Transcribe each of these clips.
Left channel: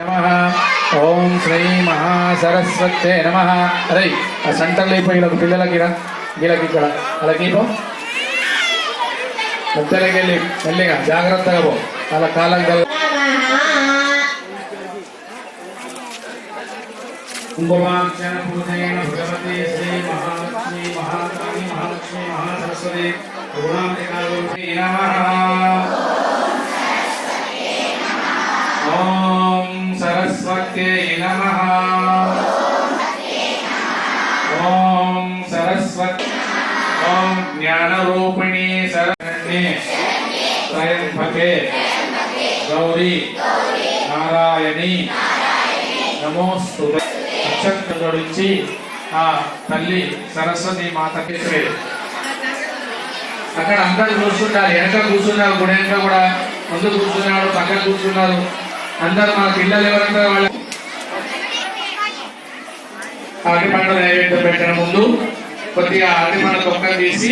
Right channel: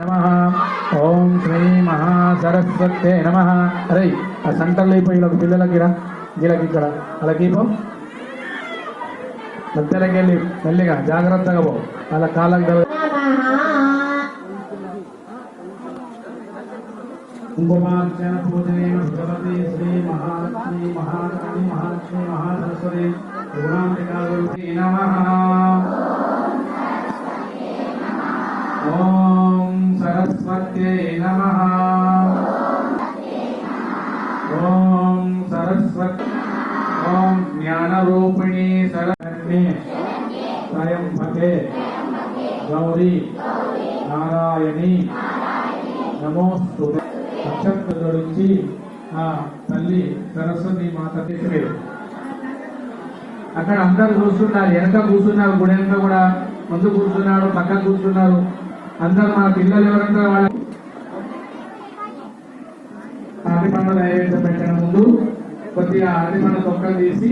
ఓం శ్రీ మహాసరస్వతే నమ. అరే ఆ సెంటర్లో అయిపోయి ఇలా పిల్లలకి వీళ్ళకి ఇక్కడ అలా పో పెద్దలకి వెళ్ళి మెల్లిగా జాగ్రత్తగా పో. అలా కాలం కల కుంభవాంఛన ఓం జ్ఞానరూపిణి శరణ్యే. స్వయంభకే గౌరీ. నారాయణి. నమోస్తు నక్షత్రం గురించి ఆ తల్లి సరస్వతి మాత శ్రేయు. అక్కడ అందరూ కూర్చుంటారు వెనక కూర్చున్నారు గుడి వెనక కూడా. ముందు కూర్చున్నాడు పక్కన కూర్చున్నారు అందరు మన పిల్లలు ఎవరంటారు వాళ్ళ? అరటి పండ్ల నైవేద్యం పెట్టడం ముందు? కొద్దిగా అరటి పండ్ల తొక్క తీసి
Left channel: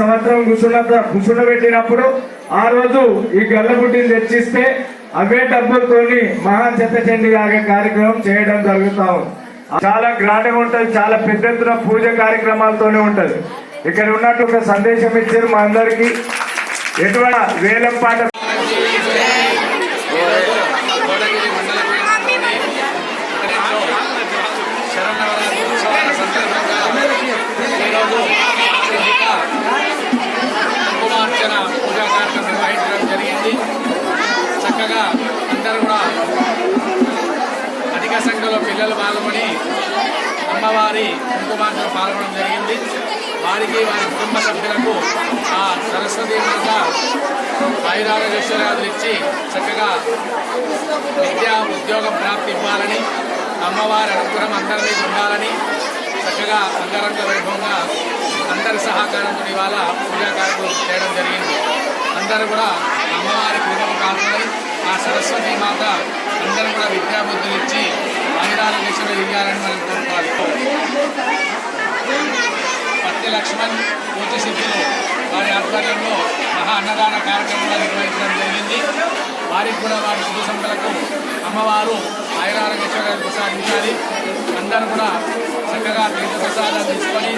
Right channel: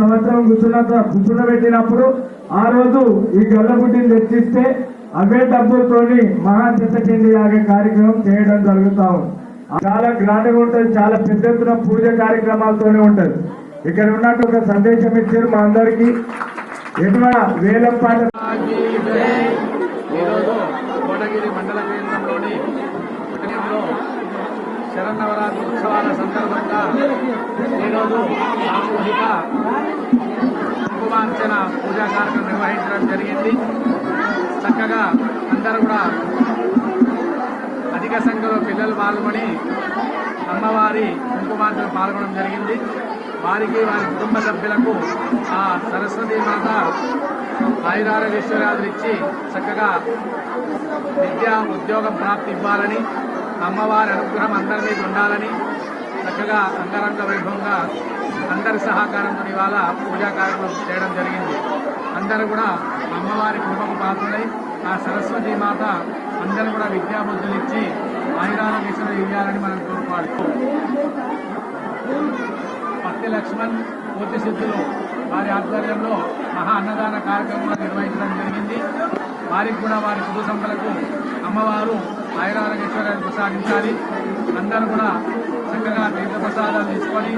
సంవత్సరం కూర్చున్న కూర్చుండబెట్టినప్పుడు ఆ రోజు ఈ గల్లబుడ్డిని తెచ్చిస్తే అవే డబ్బులతోని మహా చెత్తచండి ఆగే కార్యక్రమం చేయడం జరుగుతా ఉంది. చాలా గ్రాండ్గా ఉంటది చాలా పెద్ద ఎత్తున పూజ కార్యక్రమాలతోనే ఉంటది. ఇక్కడ ఉన్నట్టు ఒక సందేశం ఇచ్చారు మా అందరికి. ఎటువంటి వేలం పాట కూడా అందరూ కూడా అధిక సంఖ్యలో పిల్లలు పాల్గొని అమ్మవారి కుంకుమార్చన పాల్గొనడం జరిగింది. వారికి వారి కుటుంబ సభ్యులకు ఆ సరస్వతి మాత ఆయురారోగ్యశ్వర్యాదులు ఇచ్చి చక్కగా విద్యా ఉద్యోగం ప్రాప్తి ఇవ్వాలని అమ్మవారి అనుగ్రహం అందరి మీద ఉండాలని చక్కగా అంగరంగ వైభవంగా అందరి సహకారంతో ఇవాళ పూజా కార్యక్రమం చేయడం జరిగింది. అందరూ కూడా అమ్మవారి కృపకు కాపులై ఆ సరస్వతి మాత అందరూ కూడా విద్యాబుద్ధులు ఇచ్చి ఆయురారోగ్యశ్వర ఇవ్వాలని మనం కోరుకోవాలి. పత్తి లక్ష్మణ్ పూజ సిద్ధులు వారి ఆధ్వర్యంలో మహా అన్నదాన కార్యక్రమాలు నిర్వహించడం జరిగింది. వారికి కూడా వారి శుభ సంపలకు అమ్మవారు ఆయురారోగ్యశ్వరాలు ప్రసాదించాలి. అందరూ కూడా చక్కగా తీర్థ ప్రసాదాలు తీసుకొని